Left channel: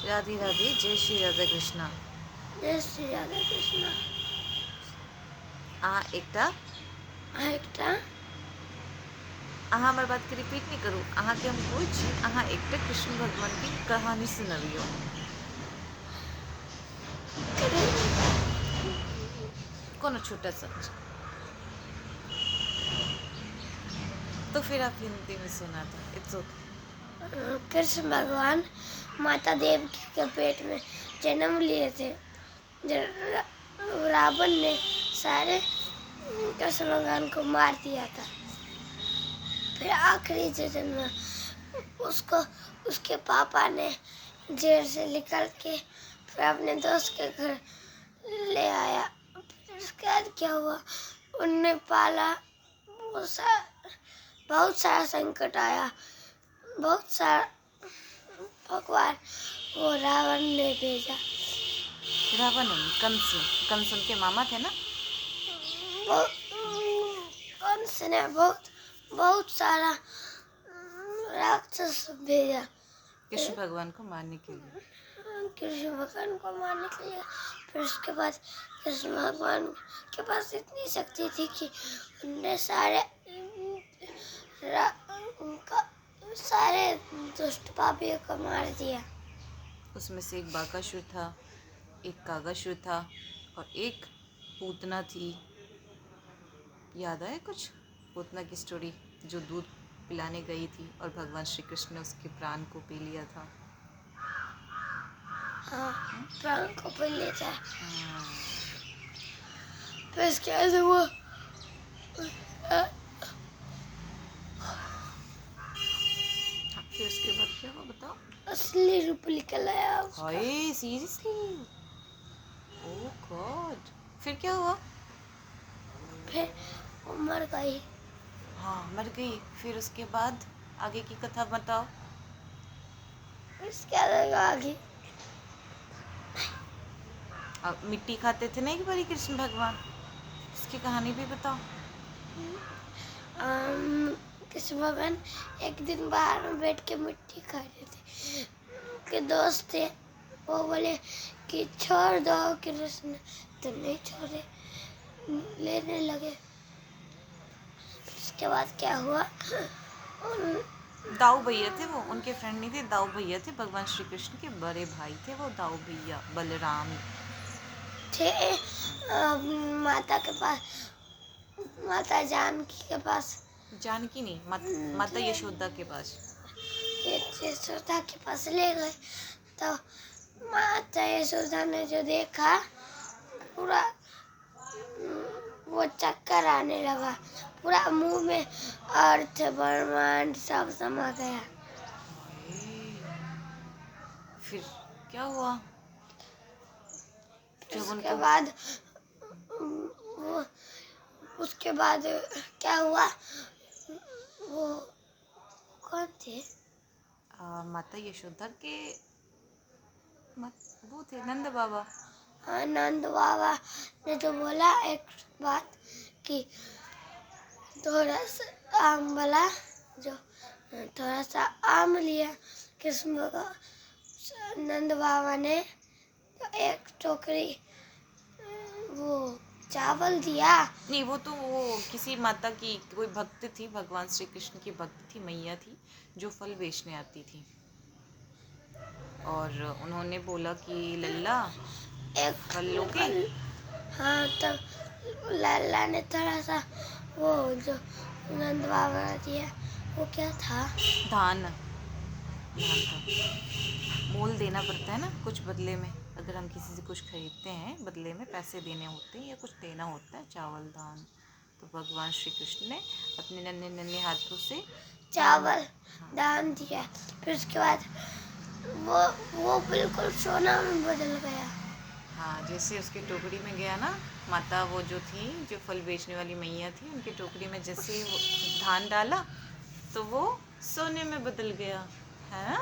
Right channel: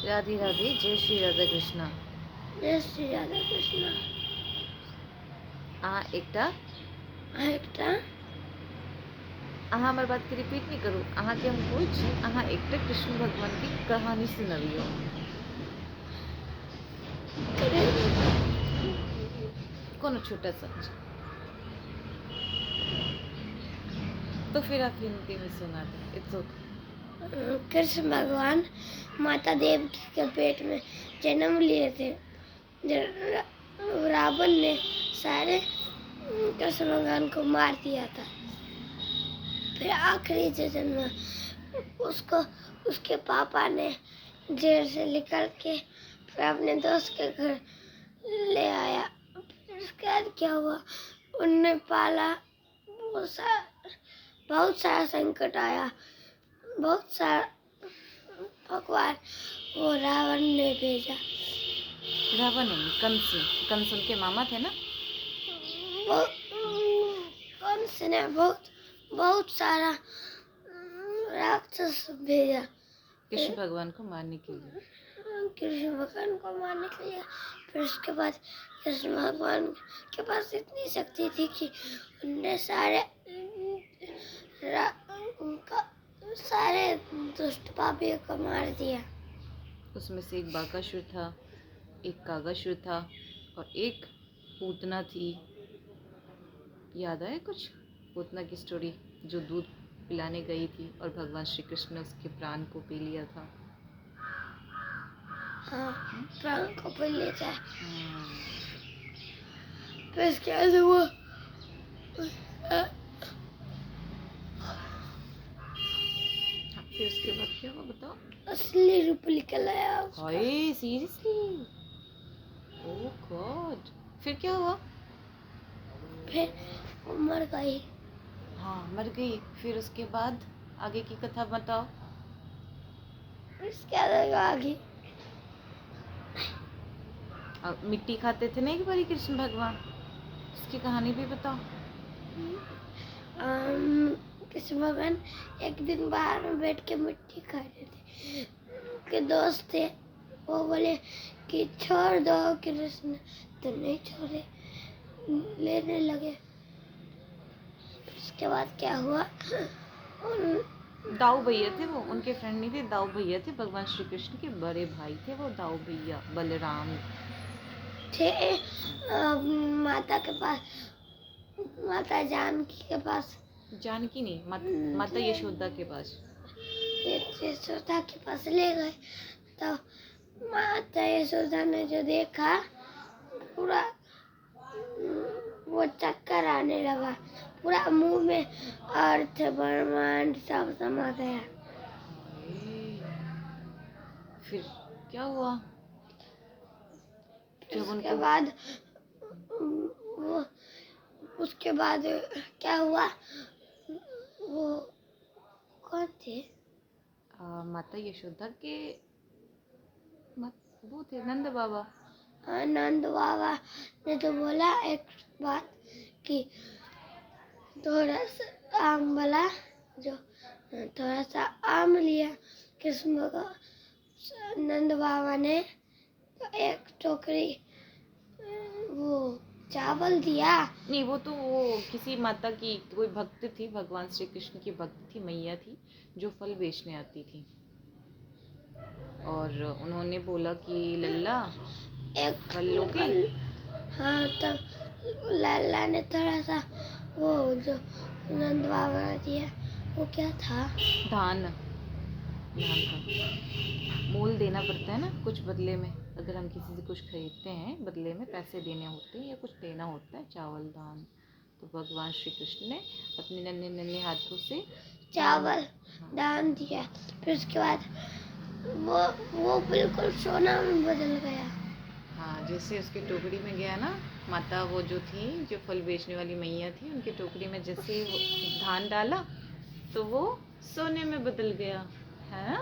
राधे राधे, जय श्री राधा कृष्णा। जय श्री राधा कृष्णा। एकटा एकटा अहाँ हमर बात के रिपीट नहीं करू। अहाँ के हम कोई छी, अहाँ एकटा कृष्ण भगवान की कहानी सुनबियो। कोनो छोटा सा। तो फिर आप हिंदी में सुना दो, इट्स ओके। कृष्ण भगवान माता देवकी के पेट में जन्म लिए थे। रावण ने सारे कृष्ण भगवान को मार दिया था। फिर आखिरी जन्म में उसको उसके पापा ने जेल से निकल के फिर अपने दोस्त के घर ले आया। फिर उसके बाद क्या हुआ, उनने पाला, बहुत सारा संकट आया, बहुत सारा भगवान वो रावण ने भेजा। रावण नहीं, कंस। कंस उनके मामा थे ना। कंस ने बहुत सारा राक्षस भेजा कृष्ण भगवान को मारने के लिए। कृष्ण भगवान को मारने के लिए। फिर उसके बाद कृष्ण भगवान के पास इतनी शक्ति थी कि उनने सारे दुष्ट पापियों को मार दिया। उसमें से एक बाकासुर था, एक कागासुर था और एक पूतना थी। याद आया कुछ? पूतना की स्टोरी, जो दूध पिलाने गई थी और भगवान श्री कृष्ण ने उसके प्राण को पी लिया था। हाँ, प्राण को पी लिया था। फिर इसके बाद वो फिर उसके बाद क्या हुआ बताओ? असली रूप निकल आया उसका। हाय सीरियसली? ओह गॉड। फिर क्या हुआ? फिर वो मर गई। हाँ मर गई। फिर उसके बाद आगे की कथा बताओ। उसके आगे अब मिट्टी खाते थे ना एक बारी कृष्ण भगवान, उसकी कहानी भी बताओ। कृष्ण भगवान एक दिन बाहर में बैठ के मिट्टी खा रहे थे। उनके दोस्त थे, वो बोले कि छोड़ दो कृष्ण, तो नहीं छोड़े, लेने लगे। उसके बाद क्या हुआ, दाऊ भैया थे वो, उनके फ्रेंड नहीं थे, दाऊ भैया थे। भगवान श्री कृष्ण के बड़े भाई थे वो दाऊ भैया, बलराम थे माता के पास, माता जानकी के पास। जानकी नहीं, माता यशोदा के पास। यशोदा के पास ले गए तो माता यशोदा ने जो देखा, पूरा वो चक्कर आने लगा, पूरा मुंह में अर्थ ब्रह्मांड सब समा गया। फिर क्या हुआ? उसके बाद वो उसके बाद क्या हुआ, वो कौन थे? माता यशोदा के वो थे नंद बाबा। नंद बाबा ने तो बोला एक बात कि थोड़ा सा आम वाला, जो थोड़ा सा आम लिया कृष्ण का, नंद बाबा ने एक टोकरी वो चावल दिया। नहीं, वो तो वो किसी माता की कोई भक्त थी, भगवान श्री कृष्ण की भक्त थी, मैया थी, जो फल बेचने आती थी। और उन्होंने बोला कि लल्ला एक फल लोगे? हाँ, तब लाला ने थोड़ा सा वो जो नंद बाबा ने दिया, वो क्या था, धान। धान का मोल देना पड़ता है ना कुछ बदले में। अगर हम किसी से कुछ खरीदते हैं, बदले में पैसे देने होते हैं या कुछ देना होता है, चावल दान। तो भगवान श्री कृष्ण ने अपने नन्हे नन्हे हाथों से चावल दान दिया। फिर उसके बाद वो बिल्कुल सोना में बदल गया। हाँ, जैसे उसकी टोकरी में गया ना, माता वो जो थी, जो फल बेचने वाली मैया थी, उनकी टोकरी में जैसे वो धान डाला तो वो सोने में बदल गया है ना।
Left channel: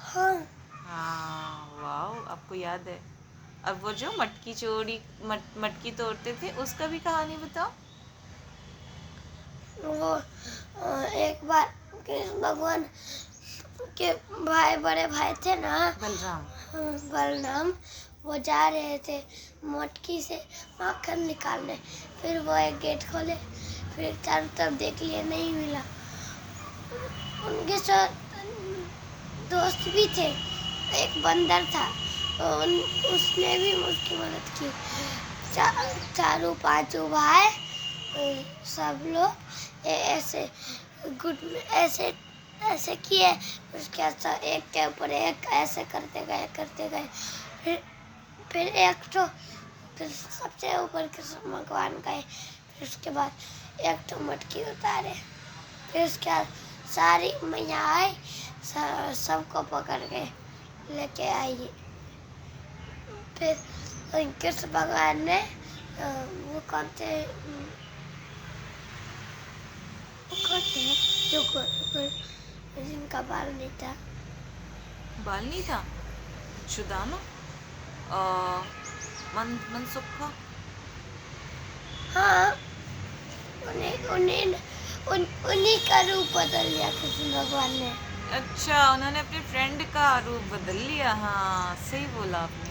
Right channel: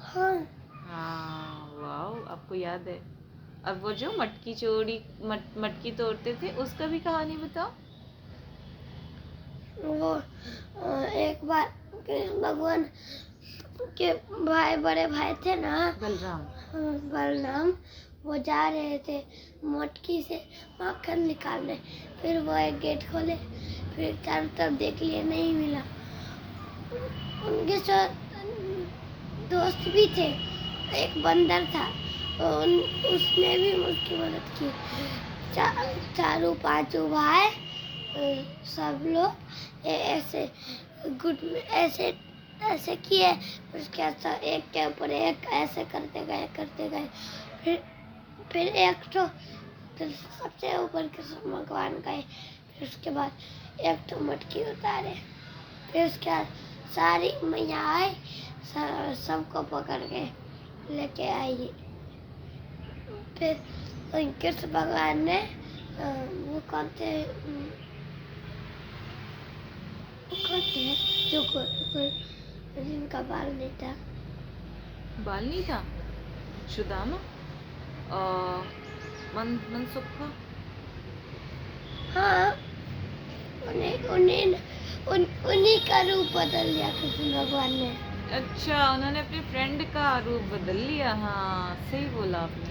हाँ, हाँ वाह, आपको याद है। अब वो जो मटकी तोड़ते थे, उसका भी कहानी बताओ। वो एक बार कृष्ण भगवान के भाई बड़े भाई थे ना, बलराम। बलराम, वो जा रहे थे मटकी से माखन निकालने। फिर वो एक गेट खोले, फिर चारों तरफ देख लिए, नहीं मिला। उनके साथ दोस्त भी थे, एक बंदर था, उसने भी उसकी मदद की। चारों पांचों भाई सब लोग ऐसे गुड ऐसे ऐसे किए। उसके बाद एक के ऊपर एक ऐसे करते गए। फिर फिर एक तो फिर सबसे ऊपर कृष्ण भगवान गए। फिर उसके बाद एक तो मटकी उतारे। फिर उसके बाद सारी मैया आई, सबको पकड़ के लेके आई। फिर कृष्ण भगवान ने वो कौन थे जो जिनका बाल नहीं था, बाल नहीं था? सुदामा? मनसुखा? हाँ, उन्हीं का रूप बदल लिया कृष्ण भगवान ने। अच्छा, उन्होंने अपने फ्रेंड का रूप बदल लिया। हाँ, सही बोला आपने।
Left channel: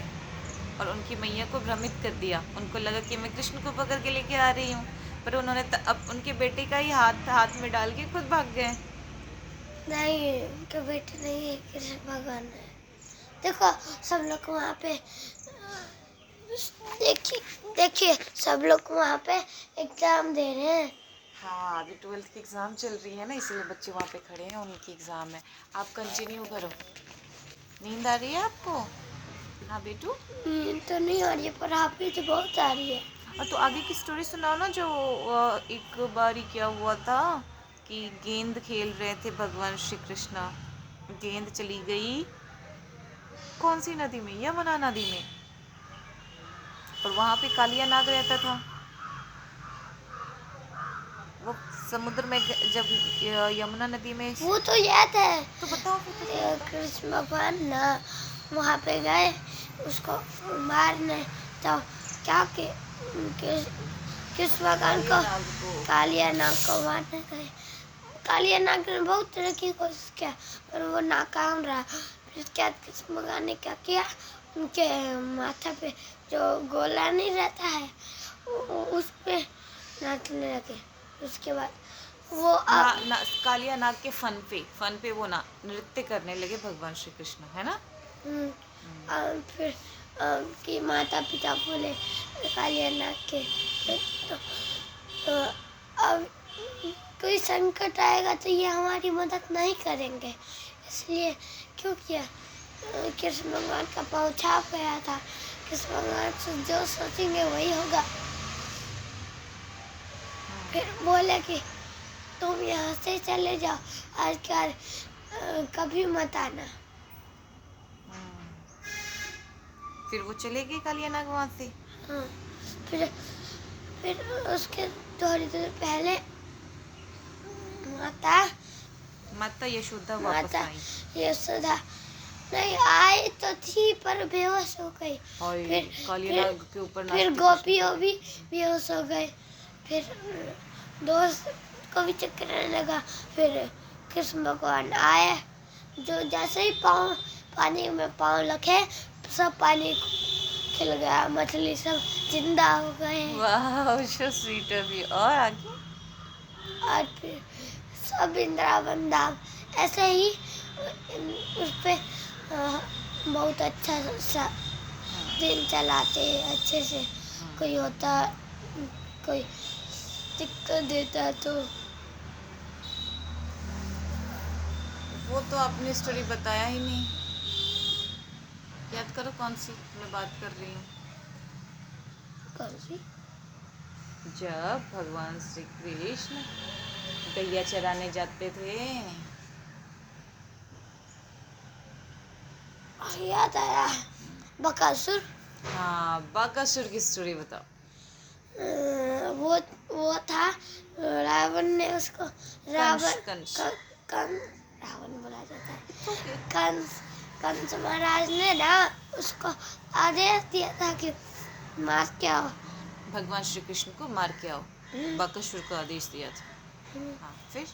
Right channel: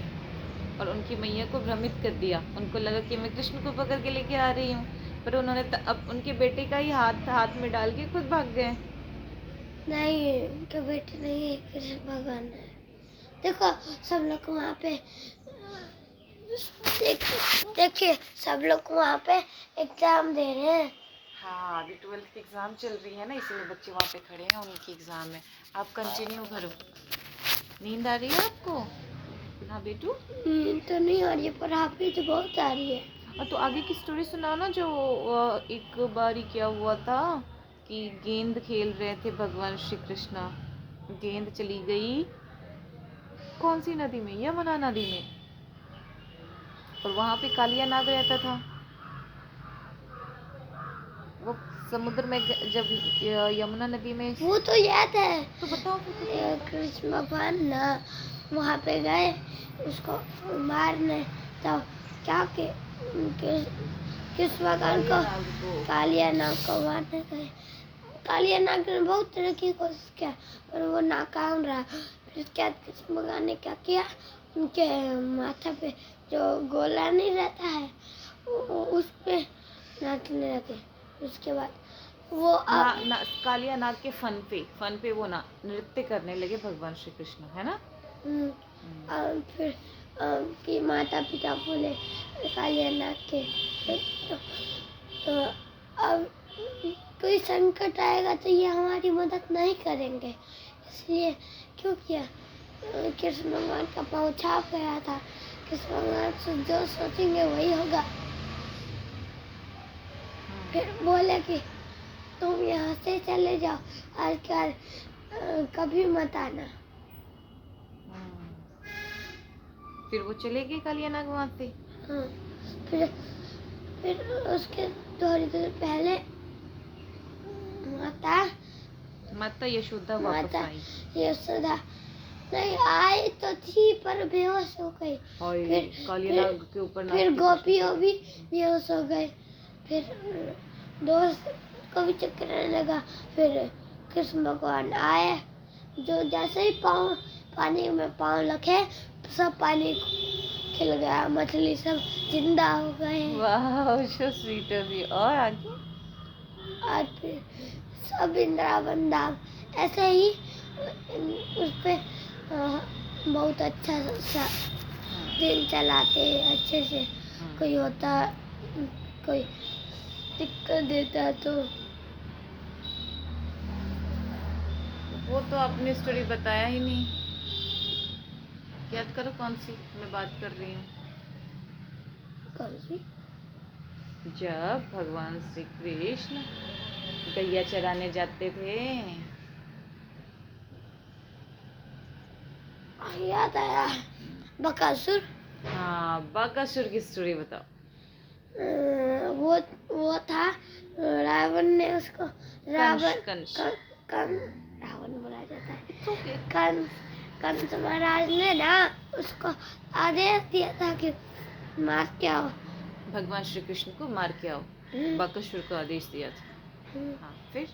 और उनकी मैया को भ्रमित कर दिया। उनको लगा कि मैं कृष्ण को पकड़ के लेके आ रही हूँ, पर उन्होंने अब उनके बेटे का ही हाथ में डाल के खुद भाग गए। नहीं, उनके बेटे नहीं है, कृष्ण भगवान है। देखो सब लोग वहाँ पे देखिए सब लोग वहाँ पे एग्जाम दे रहे हैं। हाँ, अभी 12th की एग्ज़ाम चल रही है ना, इसलिए बच्चे वहाँ पे खड़े हैं, उनकी एग्ज़ाम है। आप कंटिन्यू करो। नींद आ रही है आपको? हाँ बेटू। नींद तो नहीं आ रही है, पर आप ही तो बहुत आ रही है। और तो आगे की स्टोरी सुनाओ ना, जो एक बारी क्या हुआ था कि गेंद खेल रहे थे भगवान श्री कृष्ण। गेंद चली गई कौन सी नदी में? यमुना नदी में। और वहाँ पे कालिया नाग रहता था। वो समुद्र में जब यमुना नदी में। वो तो याद है। तो बताओ फिर, तो फिर बताओ। कृष्ण भगवान ना वहाँ पे गए उसको मारने, तो क्या के कृष्ण भगवान को कालिया नाग को मारने गए। कालिया नाग ने बहुत तरह की कोशिश किया, पर वो नाकाम रहा। फिर उसके बाद कृष्ण भगवान ने क्या किया, उनके माथा पे जो गोला नहीं रहता है उस पे नाचने लगे। उसके बाद वो कालिया नाग के फन पे वो ना नृत्य करने लगे भगवान श्री कृष्ण, है ना? और फिर कि माता पिता बोले कालिया नाग के, तो अब कोई संकट आएगा तो ये हमारी मदद नहीं करेंगे, इसलिए क्यों किया। कृष्ण भगवान का पाँव छाप गया था। कृष्ण भगवान से जो सोचेंगे वही होगा। फिर बोले कि तुम यहाँ से चले जाओ, आजकल कभी मत आना। फिर वो चले गए कालिया नाग वहाँ से। हाँ, फिर उसके थोड़ी देर पहले माता यशोदा वापस आई। यशोदा नहीं आई तो थी, पर बेहोश हो गई। फिर कालिया नाग के ऊपर फिर गोपियों भी बेहोश हो गए। फिर दोस्त को भी चक्कर आने लगा। फिर कृष्ण भगवान आए, जो जैसे ही पानी में पाँव रखे सब पानी खिल गया, मछली सब जिंदा हो गए। वाह, सो स्वीट ऑफ यू। और आगे? और फिर सब वृंदावन धाम ऐसे ही उस पे बहुत अच्छा सा दिन चलाते अच्छे से। कोई होता, कोई दिक्कत देता तो वो तो आपने स्टोरी बताया ही नहीं। याद करो कौन सी मैं बात कर रही हूँ। कौन सी? जब भगवान श्री कृष्ण गैया चराने जाते थे। याद आया, बकासुर। हाँ, बकासुर की स्टोरी बताओ। वो था, रावण ने उसको कंस। रावण बोला जाता है। कंस महाराज ने ना उसको आदेश दिया था कि मार के आओ। भगवान श्री कृष्ण को मार के आओ, बकासुर को आदेश दिया था। हाँ, फिर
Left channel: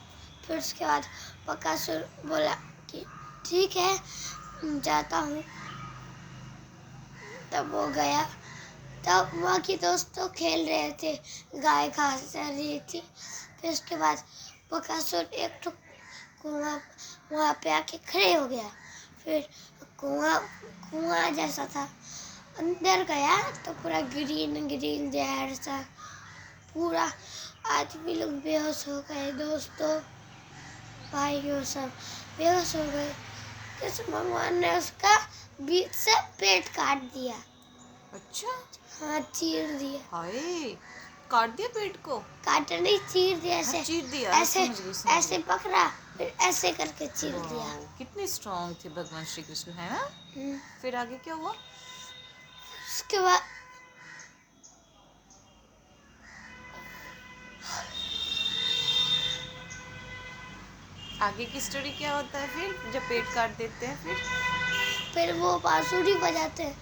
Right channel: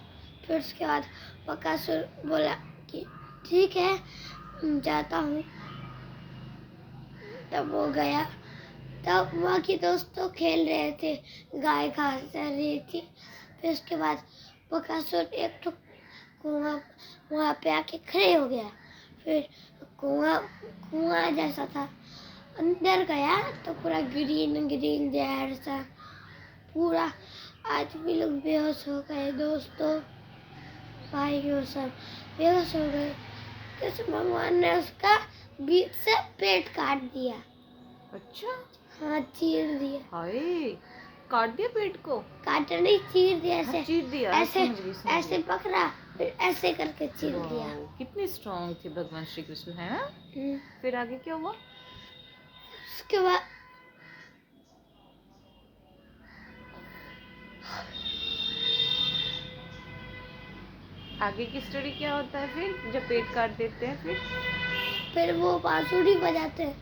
उसके बाद बकासुर बोला कि ठीक है जाता हूँ। तब वो गया। तब वहाँ के दोस्त तो खेल रहे थे, गाय घास चर रही थी। फिर उसके बाद बकासुर एक तो कुआं वहाँ पे आके खड़े हो गया। फिर कुआं कुआं जैसा था, अंदर गया तो पूरा ग्रीन ग्रीन जहर सा, पूरा आदमी लोग बेहोश हो गए। दोस्तों भाइयों सब बेहोश हो गए। कृष्ण भगवान ने उसका बीच से पेट काट दिया। अच्छा, हाँ चीर दिया। हाय, काट दिया पेट को? काटा नहीं, चीर दिया। हाँ, ऐसे चीर दिया, ऐसे समझ गई। ऐसे पकड़ा, फिर ऐसे करके चीर दिया। वाओ, कितने स्ट्रांग थे भगवान श्री कृष्ण, है ना? हम्म, फिर आगे क्या हुआ? उसके बाद आगे की स्टोरी क्या होता है फिर जब पेट काट देते हैं? फिर वो बांसुरी बजाते हैं।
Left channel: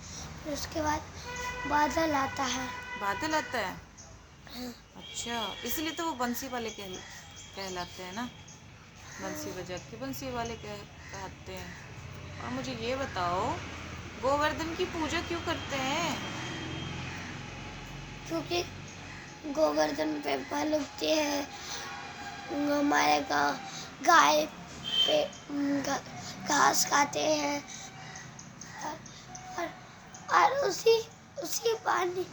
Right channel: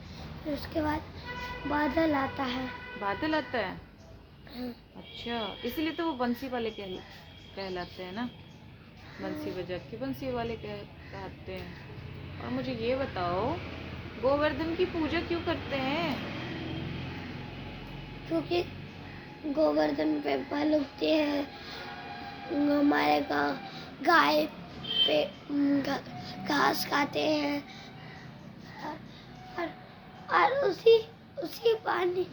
फिर उसके बाद बादल आता है। बादल आता है? हाँ, अच्छा, इसीलिए तो वो बंसी वाले कहलाते हैं ना, बंसी बजा के बंसी वाले कहते हैं। और मुझे ये बताओ, गोवर्धन की पूजा क्यों करते हैं? क्योंकि गोवर्धन पे बल उगते हैं। हमारे गाँव गाय पे घास खाते हैं। और, और उसी उसी पानी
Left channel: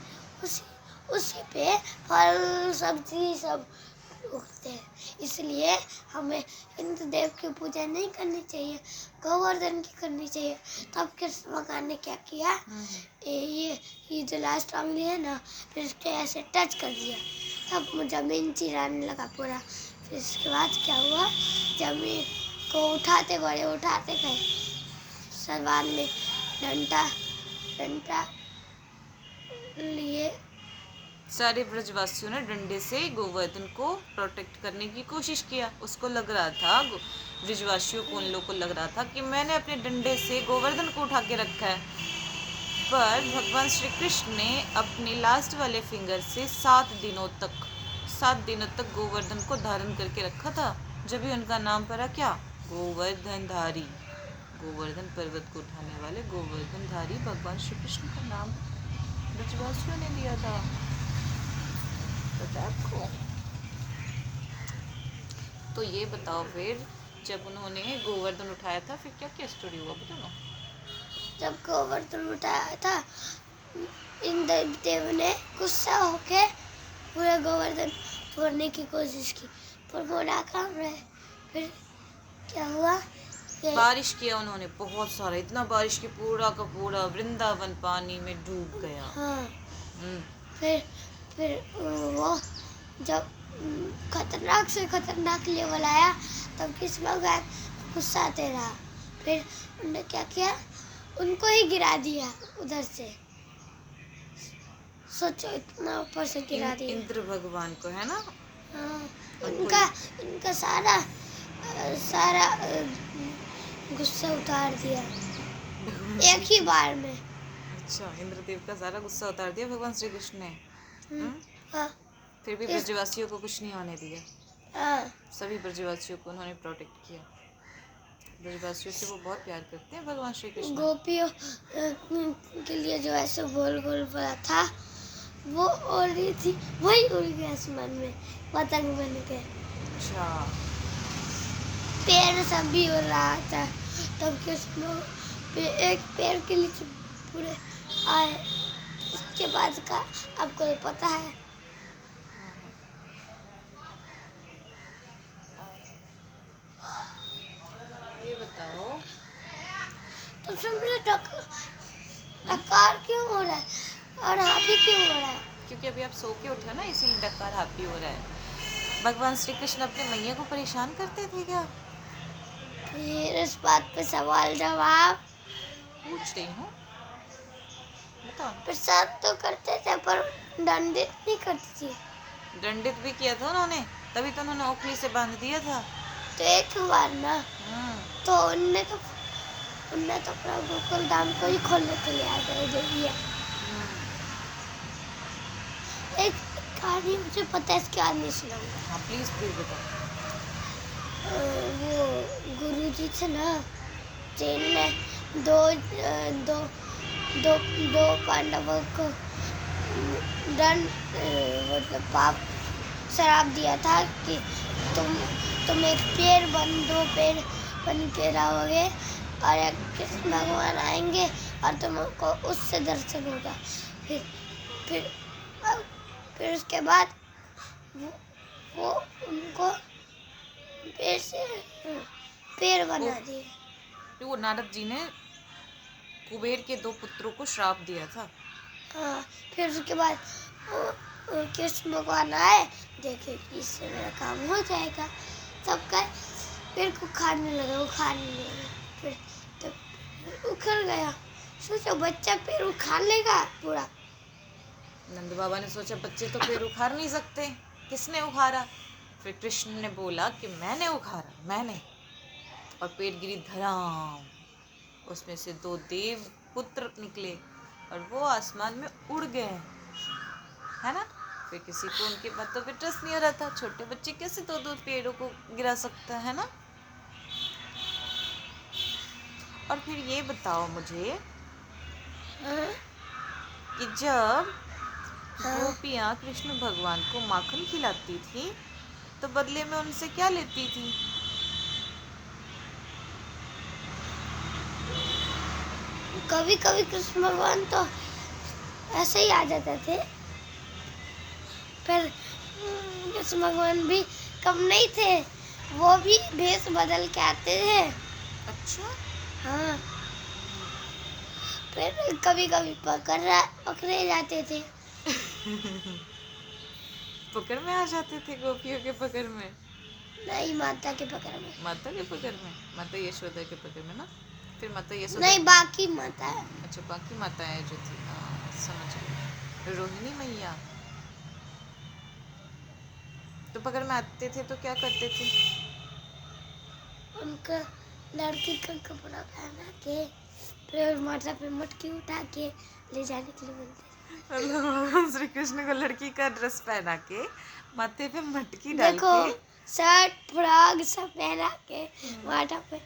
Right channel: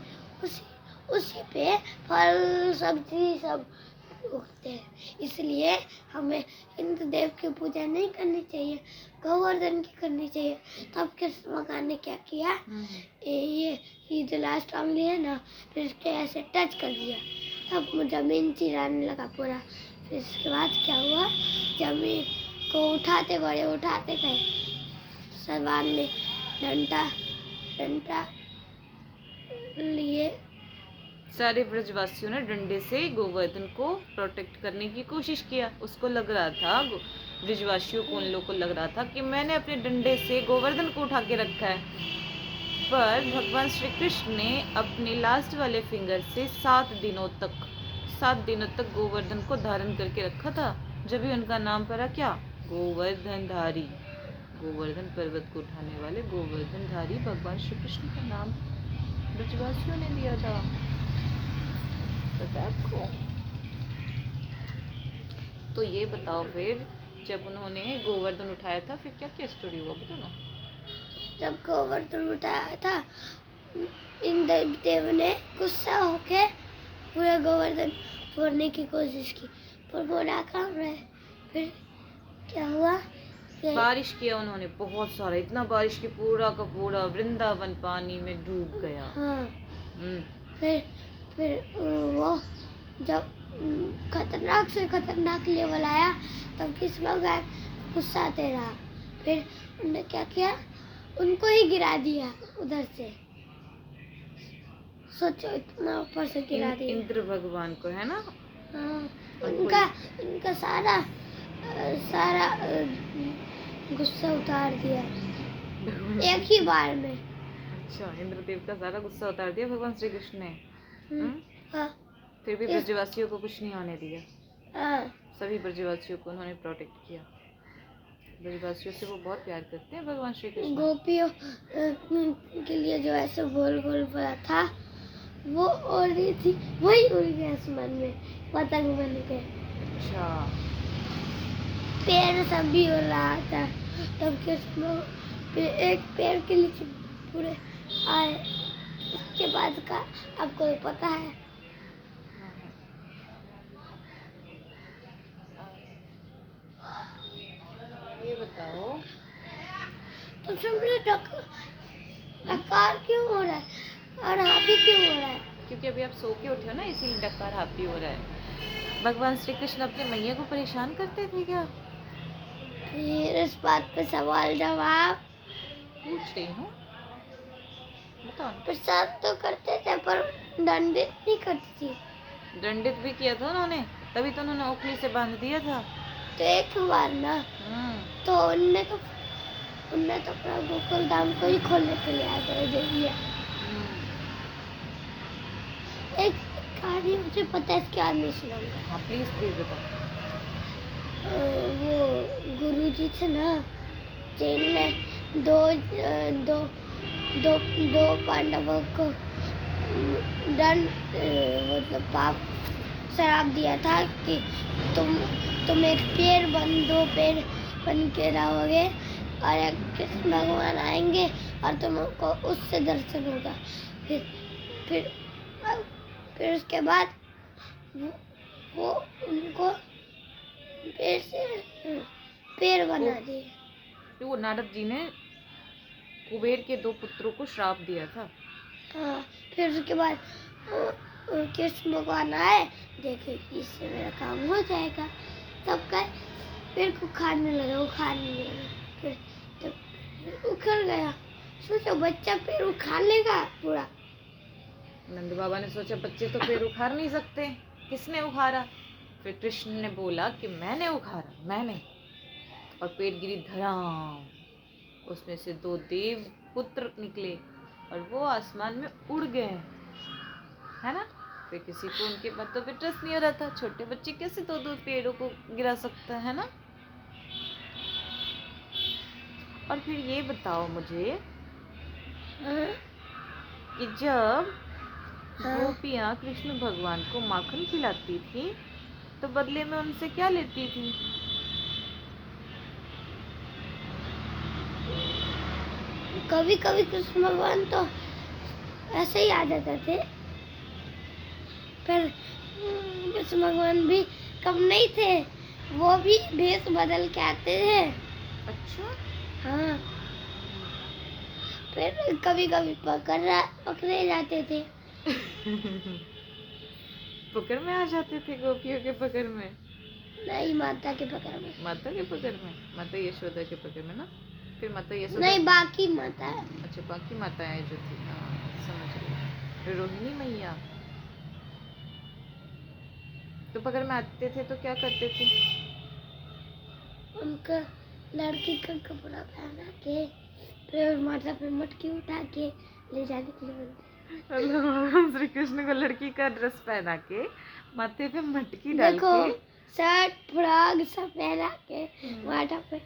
उसी उसी पे फल सब्जी सब उगते हैं। इसलिए हमें इंद्र देव की पूजा नहीं करनी चाहिए, गोवर्धन की करनी चाहिए। तब कृष्ण भगवान ने क्या किया, ये जो लास्ट उंगली है ना, फिर उसके ऐसे टच कर दिया। तब जमीन चिराने लगा पूरा। फिर इसके बाद क्या हुआ, जमीन को उठाते गए। सलवार में डंडा डंडा लिए। सारे ब्रजवासियों ने डंडे से गोवर्धन को प्रोटेक्ट करने की कोशिश किया। उसको लग रहा था, ब्रजवासियों को, उन लोग को लग रहा था कि मैंने अपने डंडे से गोवर्धन को उठा के रखा है। पर भगवान श्री कृष्ण ने अपने लास्ट वाले फिंगर से 7 दिनों तक गोवर्धन को धारण करके रखा था। जब भी उनका नाम पड़ा क्या, गोवर्धनधारी, गोवर्धन पर्वत को उठाने वाले गोवर्धनधारी भगवान श्री कृष्ण का नाम ब्रजवासियों ने दिया था। पता है आपको? तो ये बताओ फिर, जब उन्होंने गोवर्धन उठाया था फिर क्या क्या स्टोरी हुआ, बताओ ना। जब गोवर्धन उठाया था, इंद्र देव ने गुस्सा होके पूरा गोवर्धन फोड़ने की कोशिश की, पर वो नाकाम रहे। फिर क्या हुआ, बारिश किया उन्होंने बहुत सारा, इतना बारिश कि पूरा का पूरा वृंदावन पानी में डूब गया। हाँ। हम्म, फिर वो जब खतरनाक से खतरनाक लेवल आया, तब कृष्ण भगवान गुस्सा आते रहा। फिर उन्होंने क्या किया, उनको ही गिरा दिया उधर से। सोचो, इतना ऊपर से गिरा दिया। इंद्र भगवान को, है ना? हाँ, उनको इनका सारा गुस्सा उतार दिया एक ही बार में। अच्छा, इंद्रदेव का सारा गुस्सा उतार दिया भगवान श्री कृष्ण ने। हाँ, फिर भी ब्रजवासियों को कुछ नहीं होने दिया। हाँ, सभी ब्रजवासियों को उन्होंने प्रोटेक्ट किया। ब्रजवासियों से वो बहुत प्यार करते हैं भगवान श्री कृष्ण। गोपियों के लिए जो ऐसे गोल गोल बना था, वो उड़ रही थी, वही उड़ गया आसमान में पतंग बन के। अच्छा, पेड़ सब भी उड़ रहा था। तब कृष्ण एक पेड़ के नीचे पूरे आए। उसके बाद का आपको ये पता है? ये बताओ, तो समझे डकार क्यों हो रहा है और हाथी क्यों हो रहा है? क्योंकि अभी आप सो के उठे हो ना, इसीलिए डकार हाथी हो रहा है। भगवान श्री कृष्ण अपने मैया को परेशान करते थे क्या? फिर इस बात पे सवाल जवाब पूछ रही हूँ, बताओ। प्रसाद तो करते थे, पर दंडित नहीं करती थी। दंडित भी किया था उन्होंने, तभी तो उन्होंने ओखली से बांध दिया था। तो एक बार ना, तो उनने तो पूरा गोकुल धाम को ही खोलने के लिए आगे दे दिया। एक कहानी मुझे पता है, इसके आगे सुनाऊंगा। हाँ प्लीज प्लीज बताओ। वो गुरुजी थे ना, युधिष्ठिर ने दो दो दो दो पांडवों को दंड मतलब पाप श्राप दिया था कि तुम एक पेड़ बन दो पेड़ बन के रहोगे और एक कृष्ण भगवान आएंगे और तुमको उससे दर्शन होगा। फिर फिर फिर उसके बाद वो उनको पेड़ से पेड़ बना दिए। तो वो नारद जी ने कुबेर के दो पुत्रों को श्राप दिया था। हाँ, फिर उसके बाद कृष्ण भगवान आए, देखे कि इससे मेरा काम हो जाएगा, तब कर पेड़ को खाने लगे, वो खाने लगे। फिर तब उखड़ गया। सोचो बच्चा पेड़ उखाड़ लेगा पूरा। नंद बाबा ने सोचा बच्चे तो पेड़ उखाड़ नहीं सकते, किसने उखाड़ा? फिर कृष्ण ने बोला कि मैंने उखाड़ा, मैंने। और पेड़ गिरी धड़ाम, उसमें से दो देव पुत्र निकले और वो आसमान में उड़ गए, है ना। फिर किसी को उनके बात तो ट्रस्ट नहीं हो रहा था, छोटे बच्चे कैसे दो दो पेड़ों को गिरा सकता है ना। और फिर ये बताओ मुझे कि जब गोपियाँ कृष्ण भगवान को माखन खिलाती थी तो बदले में उनसे क्या लेती थी? कभी कभी कृष्ण भगवान तो ऐसे ही आ जाते थे, पर कृष्ण भगवान भी कम नहीं थे, वो भी भेष बदल के आते थे। अच्छा। हाँ, फिर कभी कभी पकड़े जाते थे। पकड़ में आ जाते थे गोपियों के पकड़ में? नहीं, माता के पकड़ में। माता के पकड़ में, माता यशोदा के पकड़ में ना। फिर माता यशोदा नहीं, बाकी माता है। अच्छा, बाकी माताएं जो थी, हाँ समझ गई। फिर रोहिणी मैया तो पकड़ में आते थे तो क्या करते थे? उनका लड़की का कपड़ा पहना के फिर माथा पे मटकी उठा के ले जाने के लिए बोलते थे। मतलब भगवान श्री कृष्ण को लड़की का ड्रेस पहना के माथे पे मटकी डाल देखो, के, शर्ट फ्रॉक सब पहना के माथा पे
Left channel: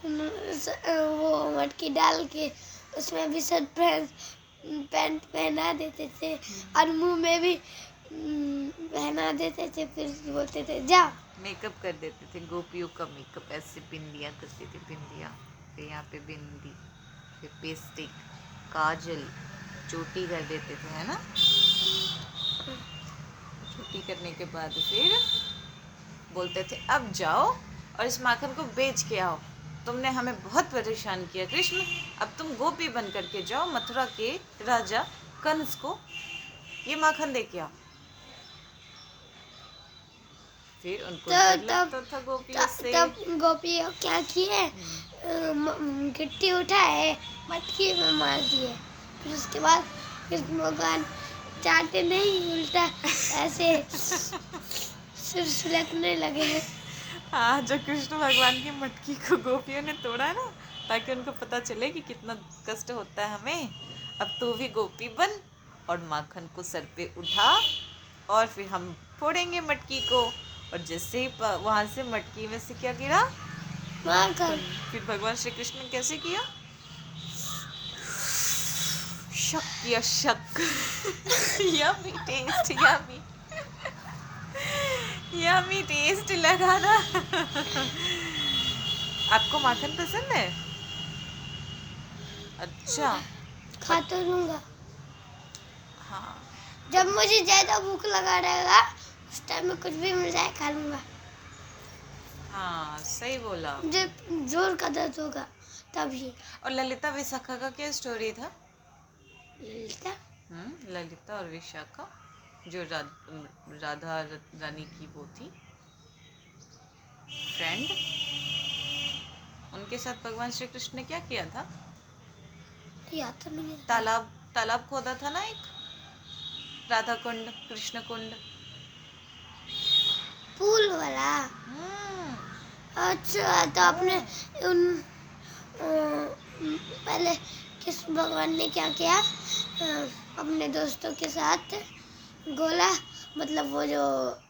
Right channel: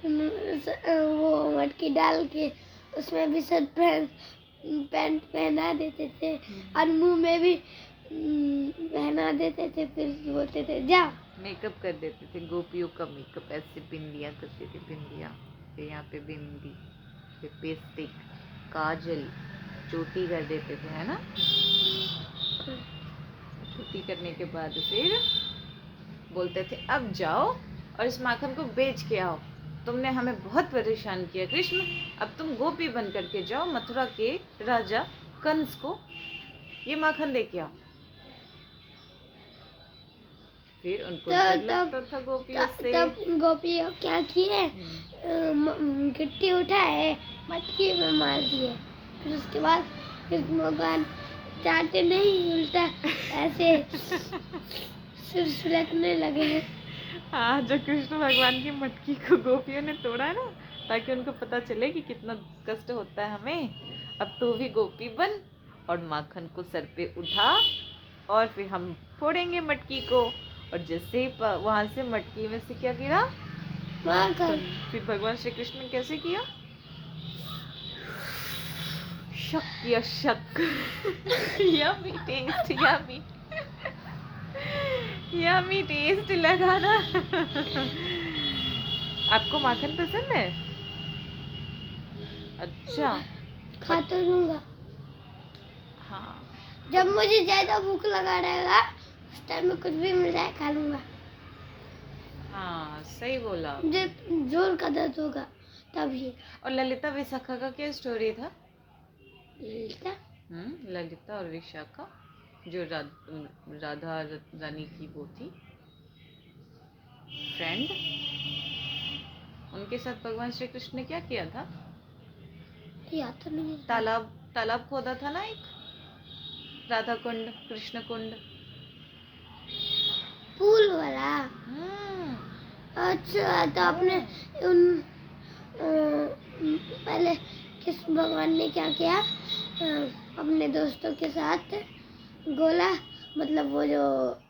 वो मटकी डाल के उसमें भी शर्ट पैंट पहना देते थे और मुंह में भी पहना देते थे। फिर बोलते थे जा। मेकअप कर देते थे, गोपियों का मेकअप ऐसे बिंदियाँ करते थे, बिंदियाँ, फिर यहाँ पे बिंदी, फिर लिपस्टिक, काजल, चोटी कर देते थे, है ना। चोटी करने के बाद फिर बोलते थे अब जाओ और इस माखन को बेच के आओ, तुमने हमें बहुत परेशान किया कृष्ण, अब तुम गोपी बन करके जाओ, मथुरा के राजा कंस को ये माखन दे के आओ। फिर उनको डर लगता था गोपियों से। तब गोपियों क्या किए, गिट्टी उठाए मटकी में मार दिए। फिर उसके बाद कृष्ण भगवान चाटे नहीं, उल्टा ऐसे सिर सुलगने लगे। हाँ, जो कृष्ण भगवान की मटकी को गोपियों ने तोड़ा ना, ताकि उनको पता चले कि कितना कष्ट होता है हमें, अब तो भी गोपी बन और माखन को सर पे उठा और फिर हम फोड़ेंगे मटकी को। और जैसे ही वहां से मटकी में से क्या गिरा, माखन। फिर भगवान श्री कृष्ण ने कैसे किया, शक किया, shake. Yummy taste, yummy yummy taste लगा ना। आपको माखन पसंद है? अच्छा, खा तो लूंगा। हाँ। जब मुझे ज्यादा भूख लगा रहेगा उस टाइम में कुछ भी मिल जाए खा लूंगा। हाँ सही बोला। जब जोर का दर्द होगा तभी। और ललिता विशाखा का क्या स्टोरी था? ललिता ललिता और विशाखा जो राधा रानी की वो थी फ्रेंड, उनके साथ भगवान श्री कृष्ण ने क्या किया था? याद तो नहीं है। तालाब खोदा था ना, एक राधा कुंड, कृष्ण कुंड, फूल वाला। अच्छा, तो आपने उन पहले कृष्ण भगवान ने क्या किया, अपने दोस्तों के साथ गोला, मतलब वो जो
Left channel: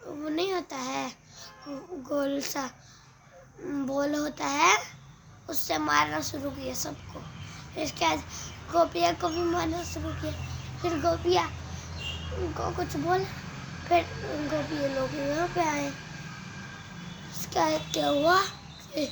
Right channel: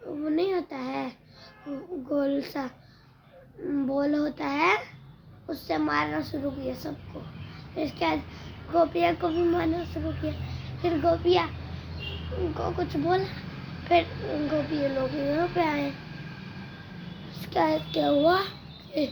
वो नहीं होता है गोल सा बोल होता है, उससे मारना शुरू किया सबको। फिर इसके बाद गोपिया को भी मारना शुरू किया। फिर गोपिया को कुछ बोला, फिर गोपिया लोग यहाँ पे आए। इसका क्या हुआ, फिर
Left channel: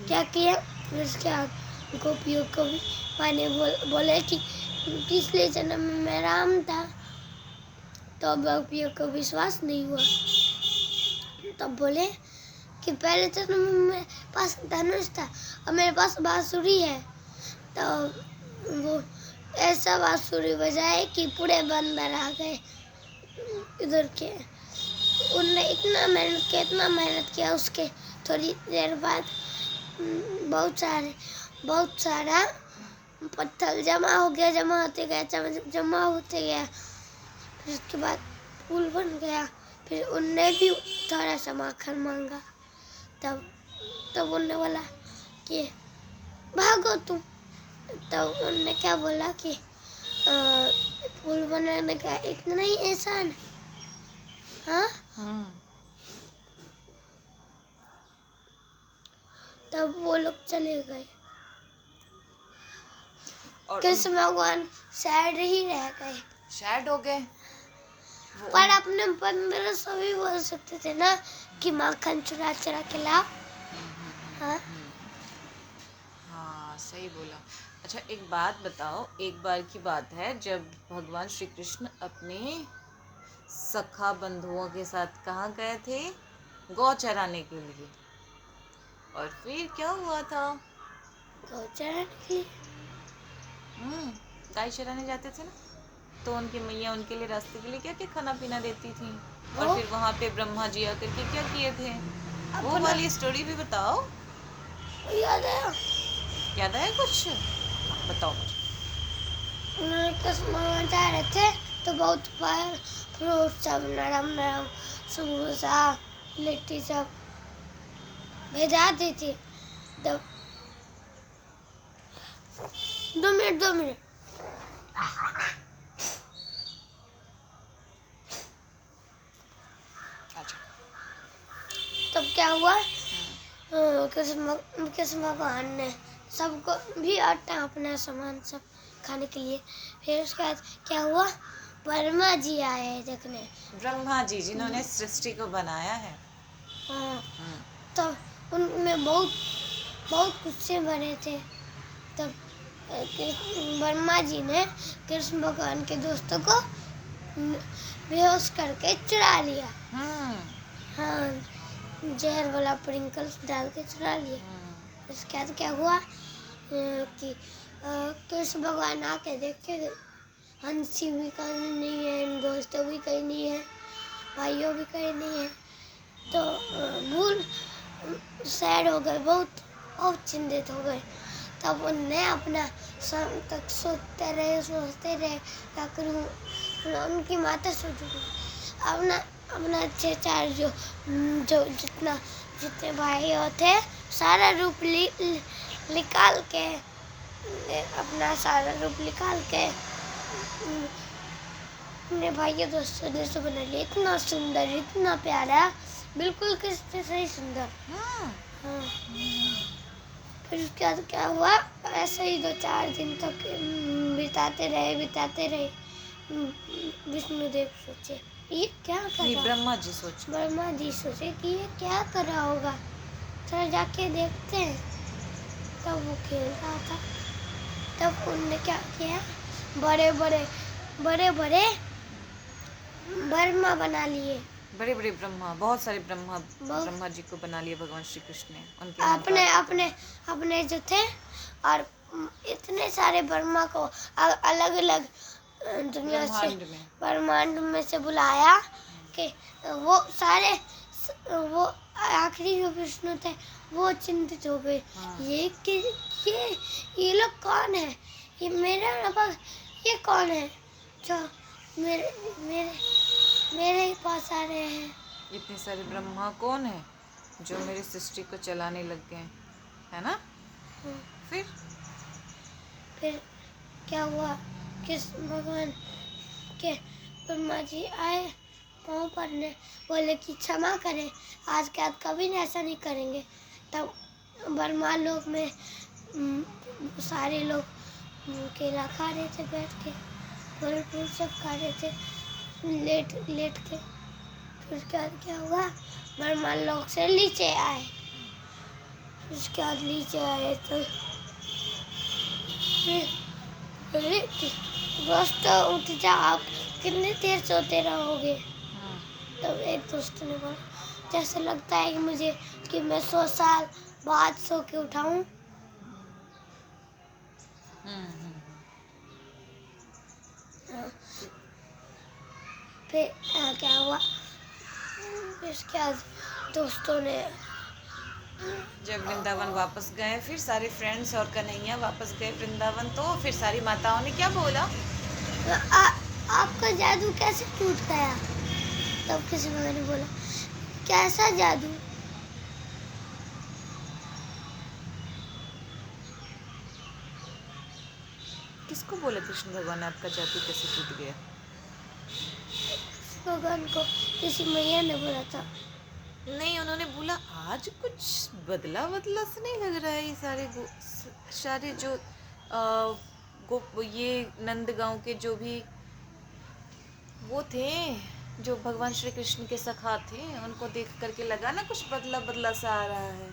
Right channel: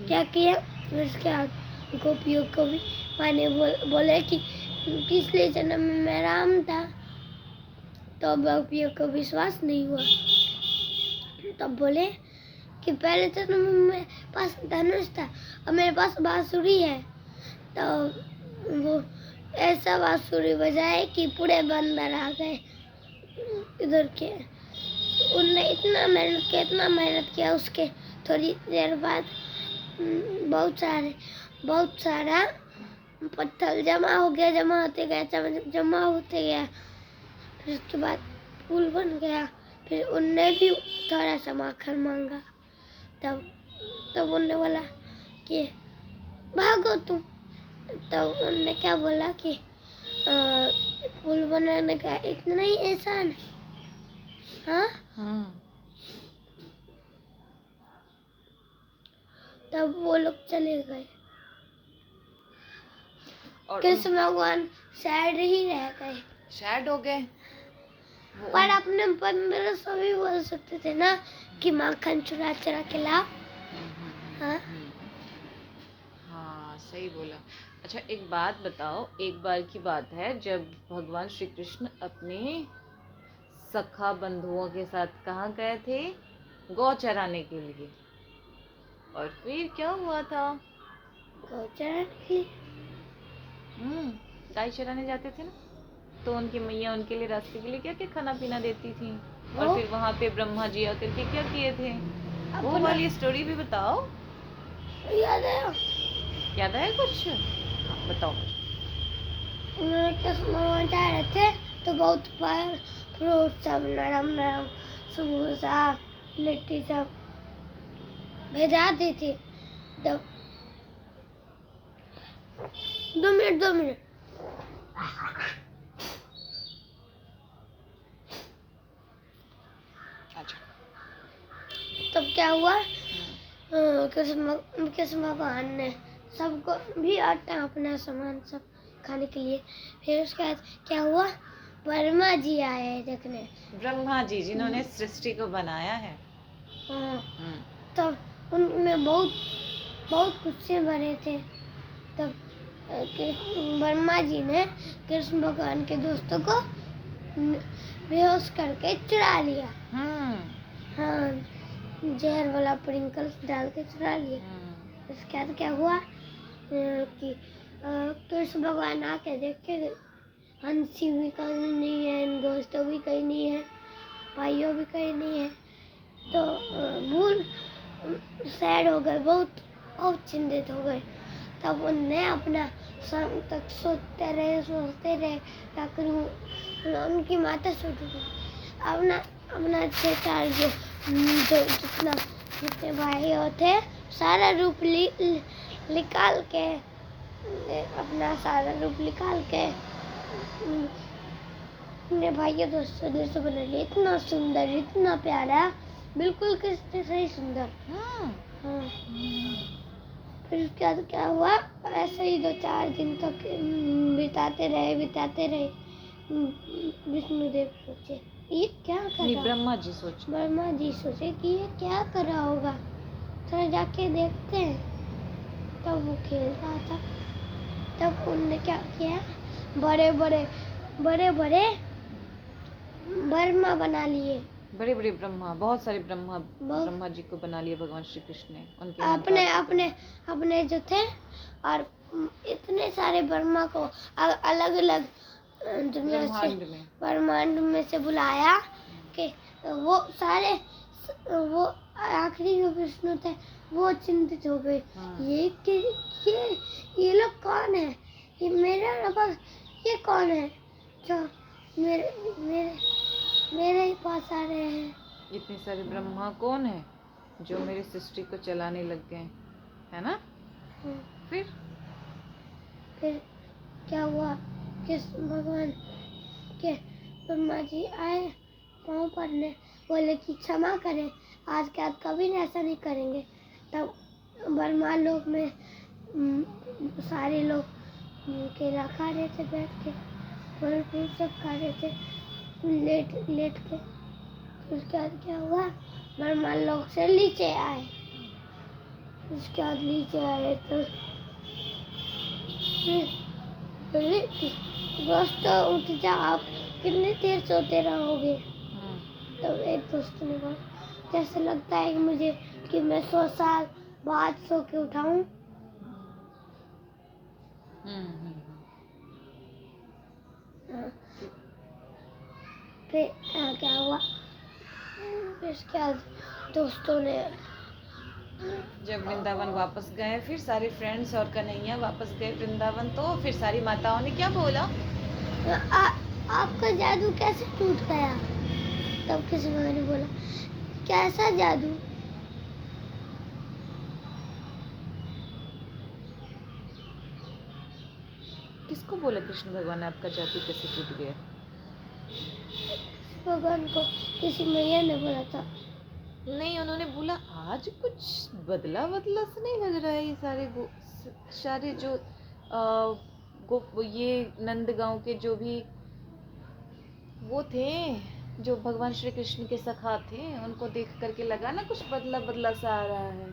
क्या किया, फिर उसके बाद गोपियों को भी माने बोले कि पिछले जन्म में मैं राम था। तो गोपियों को विश्वास नहीं हुआ। तब बोले कि पहले जन्म में मेरे पास धनुष था और मेरे पास बांसुरी है। तो वो ऐसा बांसुरी बजाए कि पूरे बंदर आ गए इधर के। उनने इतना मेहनत किया। उसके थोड़ी देर बाद बहुत सारा पत्थर जमा होते गया। फिर उसके बाद पुल बन गया। फिर उनने भी थोड़ा सा माखन मांगा। तब उनने बोला कि भागो तुम। तब उनने क्या बोला कि पुल बनाने का इतना ही आसान। हाँ, तब वो लोग चले गए। और कृष्ण भगवान सैड ही रह गए। सैड हो गए। पर अपने मन में सभी बोल सकते थे ना कि माखन चुरा के ला। हाँ, हाँ सही बोला। अच्छा एक बात बताओ, एक बार की बात है जब भगवान श्री कृष्ण अपने सखा बंधुओं के साथ कहाँ गए थे, गौ चराने के लिए। और फिर क्या हुआ था? गौचरण की गाय चराने जाते थे ना, तो उनकी मैया उनके लिए रास्ते के लिए क्या क्या खाना पीना देती थी। और वो फिर वहाँ पे ब्रह्मा जी आकर के क्या किए थे, वो अपना वाली स्टोरी भी बताओ। याद आया। याद आया कुछ? बताओ मुझे। उन्होंने कृष्ण भगवान जा रहे थे तो बहुत फल फ्रूट सब नरम समोसा लिट्टी सब भेजा दी थी। तब 2 मिनट अच्छा। तब क्या हुआ, कृष्ण भगवान ने सबको भी आटा अपना सामान सब खाने के लिए। फिर उसके बाद क्या हुआ, वर्मा जी आए देखने। ब्रह्मा जी जिन्होंने सृष्टि को बनाया है। हाँ, तब उनमें बहुत बहुत गुस्से भरे थे। तब वर्मा जी ने कृष्ण भगवान के दोस्तों को बेहोश करके चुरा लिया। हाँ, जहर वाला प्रिंकल्स डाल के चुरा लिया। उसके बाद क्या हुआ कि कृष्ण भगवान आके देखे, हंसी भी कहीं नहीं है, दोस्तों भी कहीं नहीं है, भाइयों भी कहीं नहीं है। तो भूल सैड हो गए, बहुत चिंतित हो गए। तब उनने अपना शाम तक सोचते रहे क्या करूँ। उनकी माता सोच रही अपना 6-4 जो जितने भाई थे सारा रूप निकाल के, अपना सारा रूप निकाल के अपने भाइयों दोस्तों जैसे बना लिया। इतना सुंदर, इतना प्यारा, बिल्कुल कृष्ण से ही सुंदर। हाँ। फिर उसके बाद क्या हुआ, ऐसे ही 2-4 दिन तक बिताते रहे। विष्णुदेव सोचे ये क्या कर रहा, ब्रह्मा जी सोचे कि ये क्या कर रहा होगा, चलो जाके देखते हैं। तब वो खेल रहा था। तब उनने क्या किया, बड़े बड़े ब्रह्मा बना लिए। बड़े बड़े ब्रह्मा, बहुत सारे ब्रह्मा जी को बना लिया भगवान श्री कृष्ण ने उनके अपने जो थे। और इतने सारे ब्रह्मा को अलग अलग दुनिया से, ब्रह्मांड में से बुलाया कि वो सारे, वो आखिरी जो विष्णु थे वो चिंतित हो गए। ये लोग कौन है, ये मेरे पास ये कौन है जो मेरे ही पास आ रहे हैं। इतने सारे ब्रह्मा कौन है जो मेरी सृष्टि को चलाने लग गए, है ना। फिर क्या हुआ, कृष्ण भगवान के ब्रह्मा जी आए पाँव पड़ने, बोले कि क्षमा करें, आज के बाद कभी ऐसा नहीं करेंगे। तब ब्रह्मा लोक में सारे लोग केला खा रहे थे बैठ के, फल फूल सब खा रहे थे लेट लेट के। फिर उसके बाद क्या हुआ, ब्रह्मा लोक से नीचे आए। उसके बाद नीचे आए तो बोले कि दोस्त उठ जा, आप कितनी देर सोते रहोगे। तब एक दोस्त ने बोला, जैसे लगता है कि मुझे कि मैं 100 साल बाद सो के उठाऊं। फिर क्या हुआ, उसके बाद दोस्तों ने जब वृंदावन वापस गए, फिर सारे फ्रेंड्स और कन्हैया वापस गए वृंदावन, तो फिर सारी माताओं ने क्या बोला? आपका जादू कैसे टूट गया? तब किसी भगवान ने बोला, कैसा जादू? किसको बोला कृष्ण भगवान ने आपका जादू कैसे टूट गया? भगवान को किसी मैया ने बोला था। नहीं, उन्होंने बोला आज कुछ बदला बदला से नहीं लग रहा है। ये सारे जो ये नंदगांव के जो भी वो थे, जो भगवान श्री कृष्ण के सखा थे, उनको देख करके लगा ना कुछ बदला बदला सा आ रहा है।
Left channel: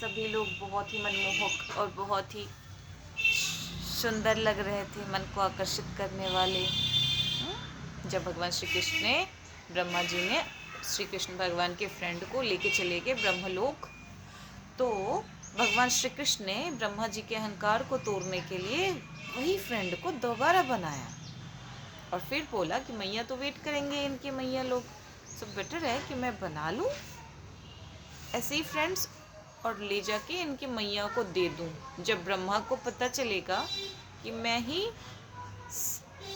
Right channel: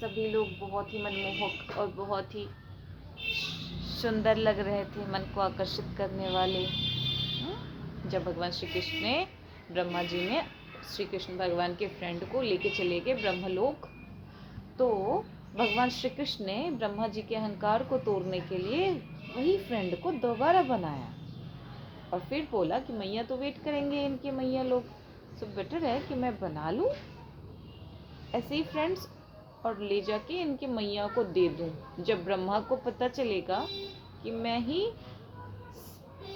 सभी लोग बहुत ही मनमोहक और बहुत ही सुंदर लग रहे थे, मन को आकर्षित करने वाले। जब भगवान श्री कृष्ण ने, ब्रह्मा जी ने श्री कृष्ण भगवान के फ्रेंड को लेके चले गए ब्रह्मलोक, तो भगवान श्री कृष्ण ने ब्रह्मा जी के अहंकार को तोड़ने के लिए वही फ्रेंड को दोबारा बनाया और फिर बोला कि मैया तो वेट करेंगे इनके मैया लोग, सो बेटर है कि मैं बना लूँ ऐसे ही फ्रेंड्स और ले जाके इनके मैया को दे दूँ। जब ब्रह्मा को पता चलेगा कि मैं ही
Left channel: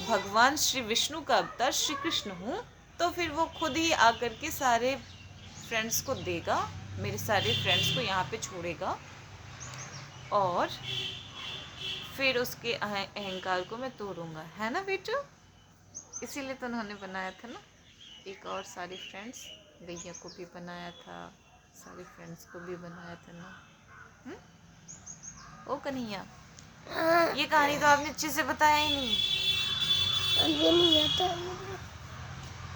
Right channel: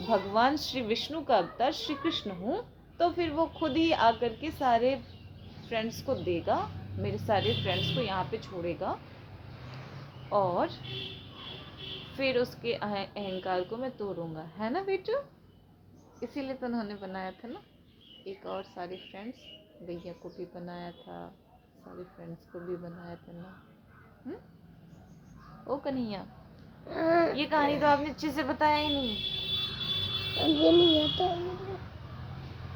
भगवान श्री विष्णु का अवतार श्री कृष्ण हूँ, तो फिर वो खुद ही आकर के सारे फ्रेंड्स को देगा, मेरे सारे फ्रेंड्स को यहाँ पे छोड़ेगा और फिर उसके अहंकार को मैं तोड़ूंगा, है ना बेटू? इसीलिए तो उन्होंने बनाया था ना। एक और सारे फ्रेंड्स, भैया को भी बनाया था, सारे फ्रेंड्स को भी बनाया था ना। ओ कन्हैया, ये कहानी तो आपने अच्छे से बताया ही नहीं। ये नहीं आता।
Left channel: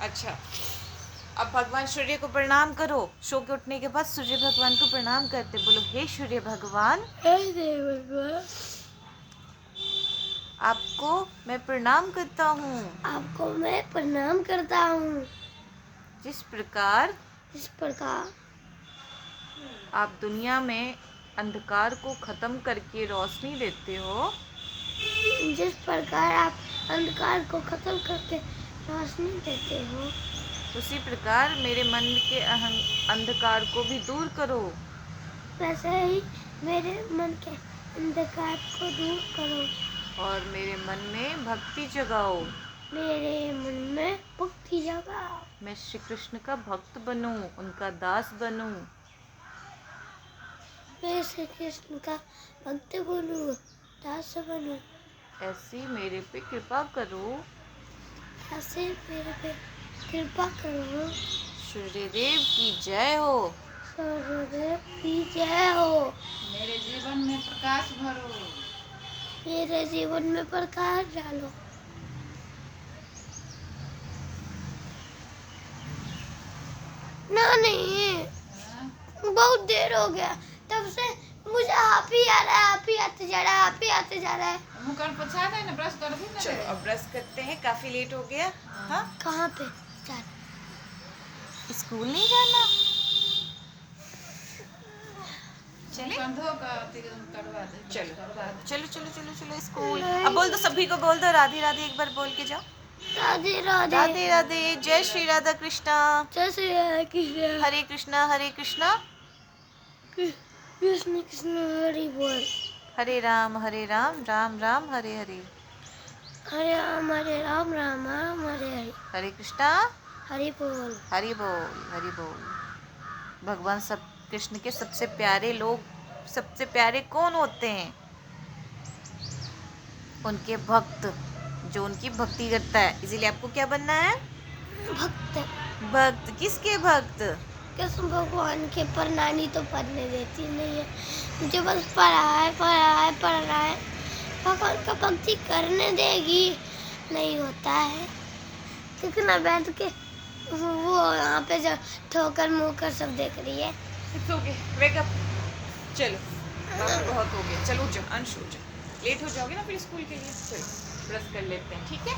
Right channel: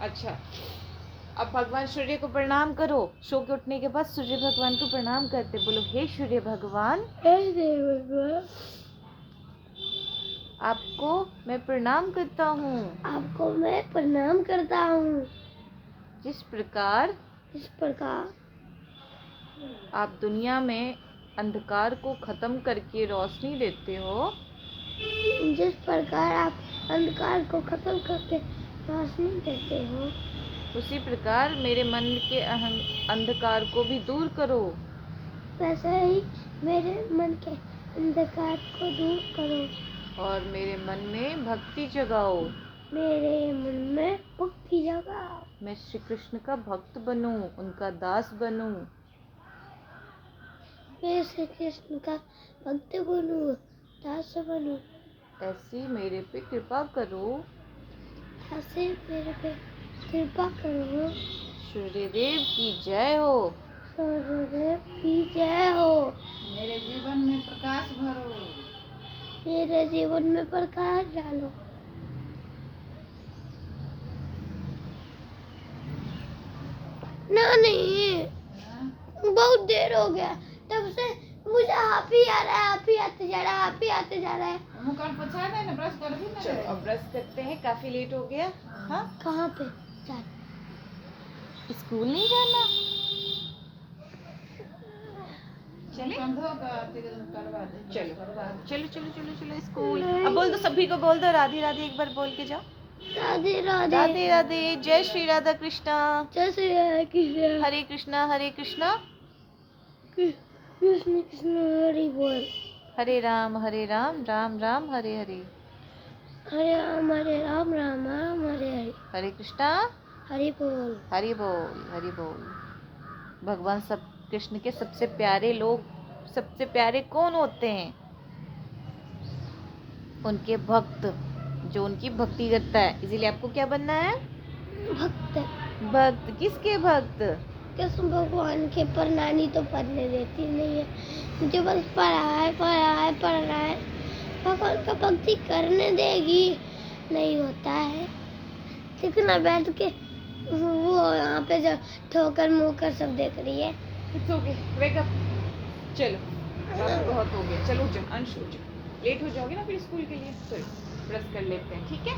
अच्छा, अब भगवान सूर्य को प्रणाम करो। सो के उठने के बाद सूर्य भगवान को प्रणाम करते, बोलो हे सूर्य भगवान, आपको मैं प्रणाम करता हूँ। आपको मैं प्रणाम करता हूँ। जिस प्रकार आप दुनिया में अंधकार को खत्म करके रोशनी देते हो, जिस प्रकार आप अंधकार को खत्म करके रोशनी देते हो, उसी प्रकार मेरे मन के अंधकार को भी दूर करो। वैसे ही मेरे मन के अंधकार को दूर करो और मेरे मन में भक्ति जगाओ। मेरे मन में भक्ति जगाओ। मैं श्री कृष्ण का भक्त बनूं, उनका दास बनूं। मैं श्री कृष्ण का भक्त बनूं, दास बनूं। ऐसी मेरे पे कृपा करो। ऐसे मेरे पे कृपा करो। सूर्यदेव की जय हो। सूर्यदेव की जय हो। मेरे जीवन में प्रकाश भरो। मेरे जीवन में प्रकाश डालो। नहीं, बहुत देर हो गया, तब से मुझे आप ही आ रहा है, आप ही आते जा रहा है, आप ही आते जा रहा है। मुँह कान पोछा दे ना, ब्रश कर भी ना। चलो अब ब्रश करते हैं, काफी लेट हो गया। हाँ, कहाँ पे जाना? स्कूल नहीं जाना? कंधों का करवा दे, चलो करवा दे। चलो चलो चलो चलो स्कूल। अब बोल दो, सभी को बोल दो राधे राधे, एक बार बोल के जाओ। राधे राधे। राधे राधे। जय श्री राधा कृष्णा। जय श्री राधा कृष्ण। हरे कृष्णा हरे कृष्णा कृष्ण कृष्ण हरि बोल। हरे राम राम राम हरे हरे। हरे राम राम राम हरे हरे। हरे कृष्णा हरि बोल। हरि बोल हरि बोल। भगवान सब कृष्ण के सबसे प्यारे लोग, सबसे प्यारे कौन होते हैं? उनके भक्त, जो उनकी भक्ति करता है। इसीलिए आपको क्या बनना है? भक्त। भक्त। किसके भक्त? कृष्ण भगवान के, पर नानी तो पढ़ने देती नहीं है मुझे, बस पढ़ाए पढ़ाए पढ़ाए। भगवान का भक्ति करने देगी, नहीं होता है। कितना बैठ के वो यहाँ पे जो ठोकर मुकर सब देख रही है। It's okay, wake up. चलो बात बहुत हो गया, चलो जाओ अंश, हो जाओ, लेट हो जाओगे ना फिर स्कूल के लिए। चलो ब्रश कर लेते हैं, ठीक है?